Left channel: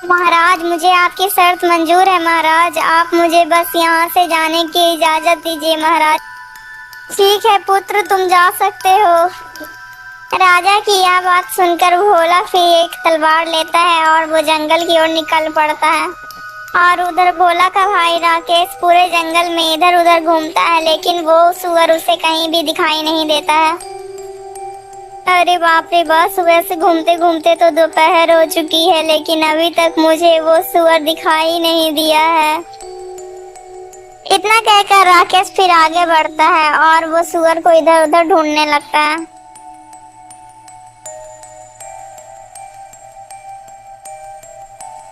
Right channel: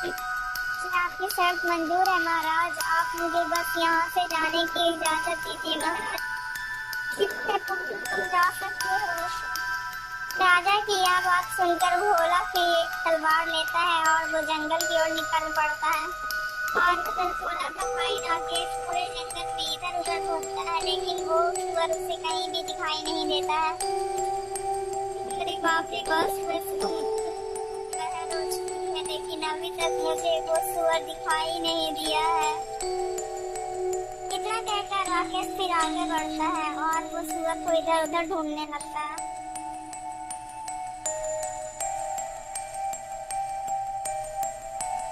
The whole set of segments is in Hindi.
महाराज, मुझे आपकी शर्त मंजूर है महाराज। आप मुझे बस यहाँ से जाने की इजाजत दीजिए महाराज। ठीक है पुत्र, तुम जा सकते हो। राजा की यह बात सुनकर भोला फिर एक तलवार लेता है और वो जंगल की ओर निकल पड़ता है। और उधर भोला का भाई राकेश पूरे जंगल में इधर उधर घूमता है, लेकिन वो सुअर उसे कहीं भी दिखाई नहीं देता है। अरे बाप रे बाप, सुबह से घूमते घूमते तो दोपहर हो चुकी है, लेकिन अभी तक मुझे वो सुअर दिखाई नहीं दिया है। इतना कहकर राकेश फिर आगे बढ़ता है और वो सुअर को इधर उधर ढूंढने लगता है।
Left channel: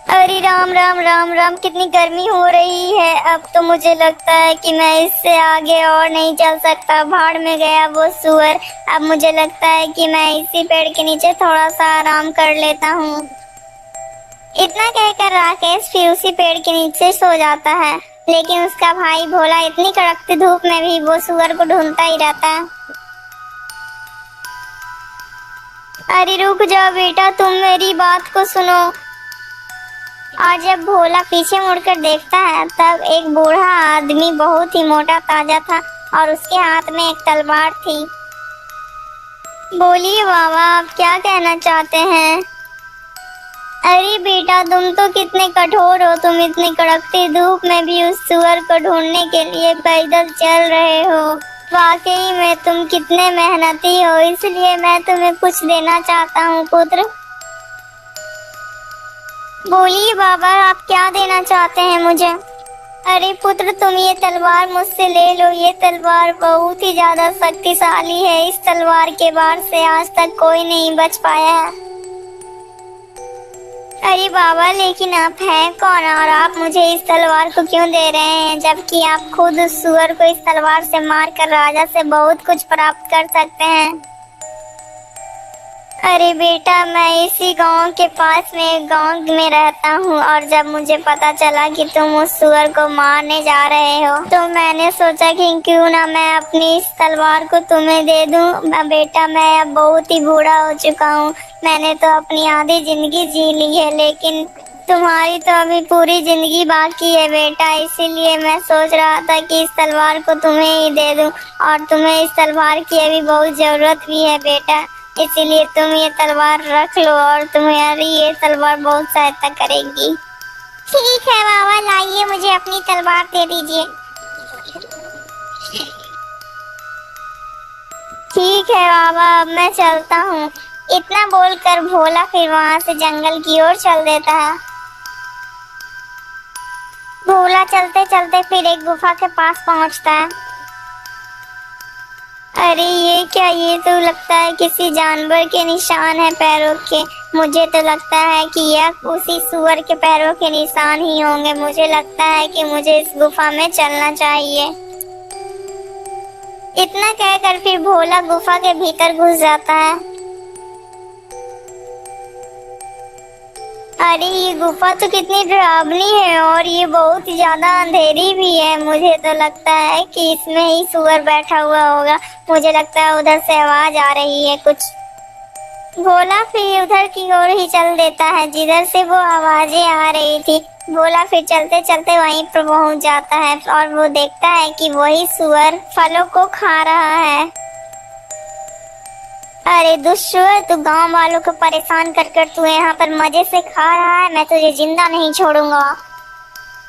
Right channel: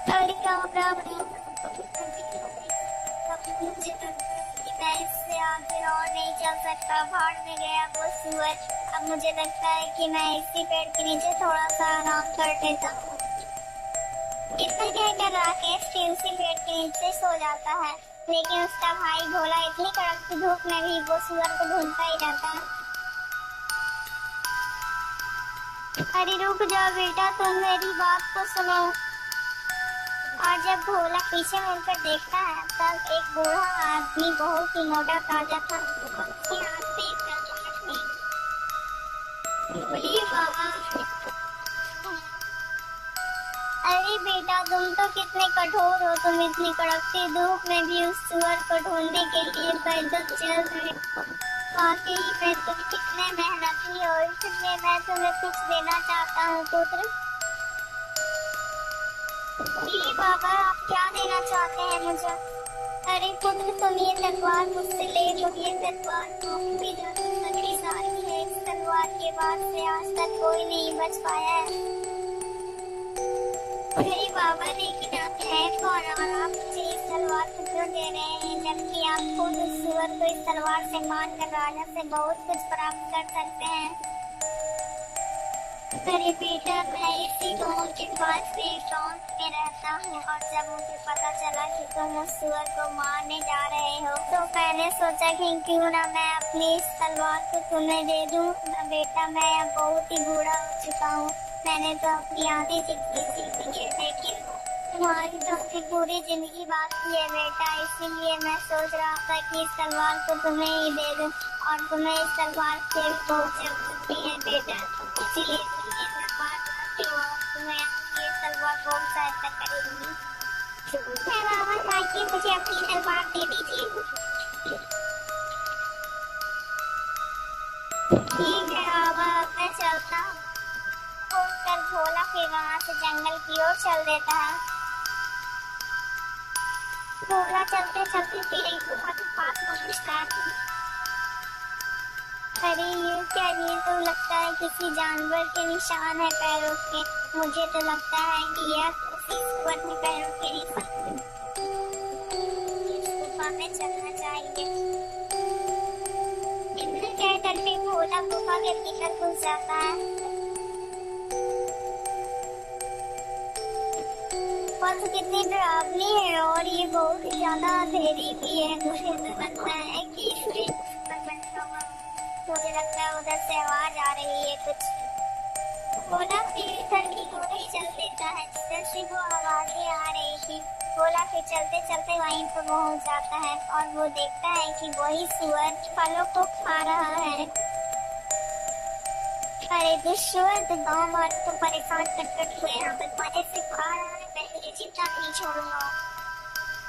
अरे राम राम राम राम, कितनी गर्मी हो रही है। अब तो मुझे लगता है कि मैं इससे आगे और नहीं चल सकता। भाड़ में गया वो सुअर। अब मुझे लगता है कि मैं इसी पेड़ के नीचे थोड़ा सा आराम कर लेता हूँ। इतना कहकर राकेश फिर उसी पेड़ के नीचे सो जाता है, लेकिन उसका भाई भोला इतनी कड़कती धूप में भी वो सुअर को ढूंढता ही रहता है। अरे रुक जाओ बेटा, तुम मेरी बात को सुनो। और जब भोला पीछे मुड़कर देखता है तब एक बूढ़ा आदमी बहुत ही मोटा ताजा था और उसके हाथ में एक तलवार थी। बोलिए बाबा, आप क्या कहना चाहते हैं? अरे बेटा, तुम तो कितने कठोर हो। तुम इतनी कड़कती धूप में भी उस सुअर को ढूंढने के लिए पैदल चल रहे हो। वाकई में तुम कितने मेहनती हो, इसलिए मैं तुम्हें कुछ देना चाहता हूँ पुत्र। बोलिए बाबा, आप क्या देना चाहते हैं मुझे? अरे पुत्र, तुम ये तलवार मुझसे ले लो। ये तलवार बहुत ही ज्यादा शक्तिशाली है। इस तलवार के वार से आज तक कोई नहीं बच पाया है। अरे बाबा, लेकिन आप हैं कौन और आप मुझे इस तलवार को क्यों दे रहे हैं, जबकि आप खुद उस सुअर को इस तलवार से मारकर राजा से बहुत कुछ प्राप्त कर सकते हैं। अरे बेटा, मैं इसी गांव के पास में एक गांव में रहता हूँ और जब मुझे पता चला कि तुम उस सुअर को मारने जा रहे हो तो मैंने सोचा कि क्यों ना मैं अपनी इस तलवार को तुम्हें दे दूँ। बेटा, मैं अब बहुत ही बूढ़ा हो चुका हूँ। मैंने तो अपनी आधी जिंदगी जी ली है, लेकिन तुम्हारी तो अभी पूरी जिंदगी बाकी है बेटा। इसीलिए मैं सोच रहा था कि इस तलवार को तुम्हें ही दे दूँ और तुम्हें इस तलवार की अभी बहुत जरूरत भी है बेटा। इसीलिए तुम ये तलवार रख लो और तुम्हारी ये तलवार बहुत सहायता करेगी। ठीक है बाबा, लाइए, मुझे अपनी तलवार दे दीजिए। ठीक है बाबा, अब मैं चलता हूँ। इतना बोलकर भोला फिर वहाँ से जंगल की ओर चल देता है। भोला चलते चलते फिर एक गुफा के पास पहुँचता है। अरे ये क्या, ये तो लगता है किसी जानवर के निशान है पैरों के। मुझे तो लगता है कि यह उसी सुअर के पैरों के निशान ही होंगे। मुझे लगता है कि मुझे इस गुफा में चलना चाहिए। इतना कहकर फिर भोला गुफा के भीतर घुस जाता है। अरे ये गुफा तो कितनी डरावनी है और ये बहुत ही ज्यादा अंधेरी भी है। मुझे तो लगता है कि इसमें ही सुअर बैठा हुआ होगा। मुझे लगता है उधर से आवाज आ रही है कुछ। भोला फिर उधर की ओर ही चल देता है जिधर से वो आवाजें आ रही थी। भोला फिर चलते चलते वहीं पर पहुंच जाता है और वो देखता है कि वही सुअर फलों को खा रहा है। अरे दुष्ट, तू गांव वालों को परेशान कर कर तू यहाँ पर मजे से खा रहा है। मैं तुझे जिंदा नहीं छोड़ूंगा।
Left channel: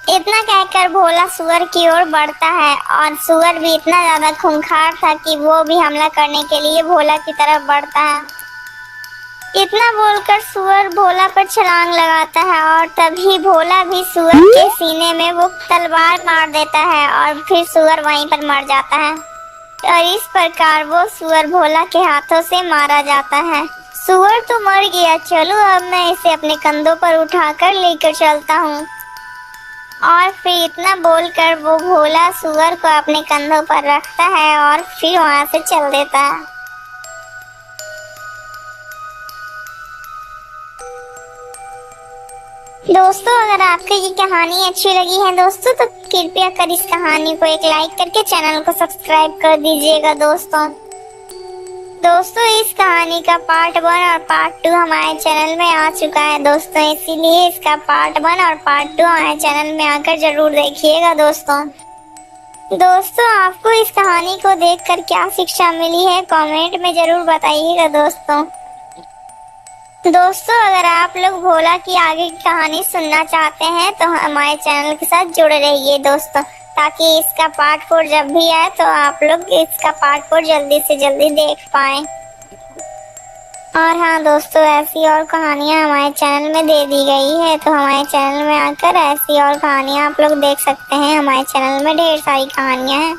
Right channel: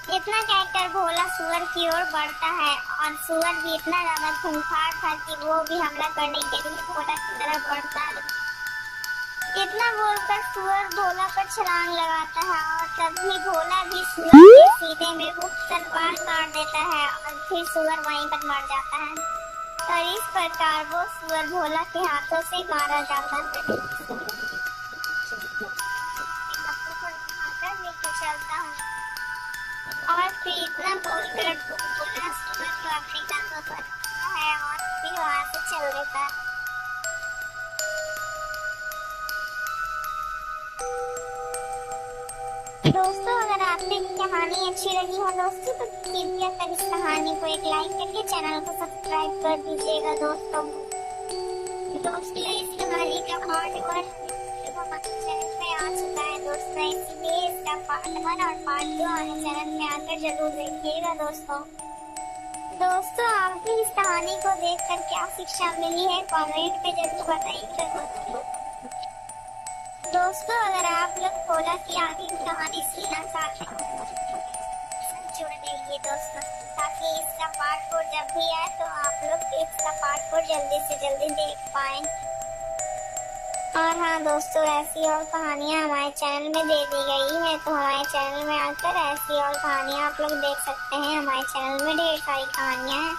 इतना कहकर भोला सुअर की ओर बढ़ता है और सुअर भी इतना ज्यादा खूंखार था कि वो भी हमला करने के लिए भोला की तरफ बढ़ता है। इतना बोलकर सुअर भोला पर छलांग लगाता है और तभी भोला भी सुअर के सीने में वो तलवार मार देता है और फिर सुअर वहीं पर मर जाता है। और इस प्रकार वो सुअर भोला के हाथों से मारा जाता है। सुअर तो मर गया, चलो अब मैं इसे अपने कंधों पर उठाकर लेकर चलता हूँ। और फिर इतना बोलकर वो भोला सुअर को अपने कंधों पर रखता है और फिर वहाँ से चल देता है। दोस्तों, अगर आपको ये कहानी अच्छी लगी है दोस्तों तो कृपया कर इस कहानी को एक लाइक करके चैनल को सब्सक्राइब कर दीजिएगा दोस्तों। दोस्तों इस कहानी का पार्ट 1 और पार्ट 2 हमारे चैनल में आ चुका है दोस्तों, इसीलिए इसका पार्ट 1 और पार्ट 2 हमारे चैनल में आकर जरूर देखिएगा दोस्तों। दोस्तों आपको इस कहानी को देखकर क्या शिक्षा मिली है कमेंट में जरूर बताइएगा दोस्तों। दोस्तों अगर आप लोग भोला की आगे की कहानी सुनना चाहते हैं तो हमारे चैनल के साथ जुड़े रहिए दोस्तों, ताकि इसका पार्ट 4 जब भी आए तो आप लोग इसका पार्ट 4 जल्दी से जल्दी देख पाएं। और हाँ दोस्तों, ऐसी और कहानियाँ हमारे चैनल में दे दी गई है, तो हमारे चैनल में आकर ऐसी और कहानियाँ आप लोग देख सकते हैं। हमारे चैनल में ढेर सारी कहानियाँ हैं।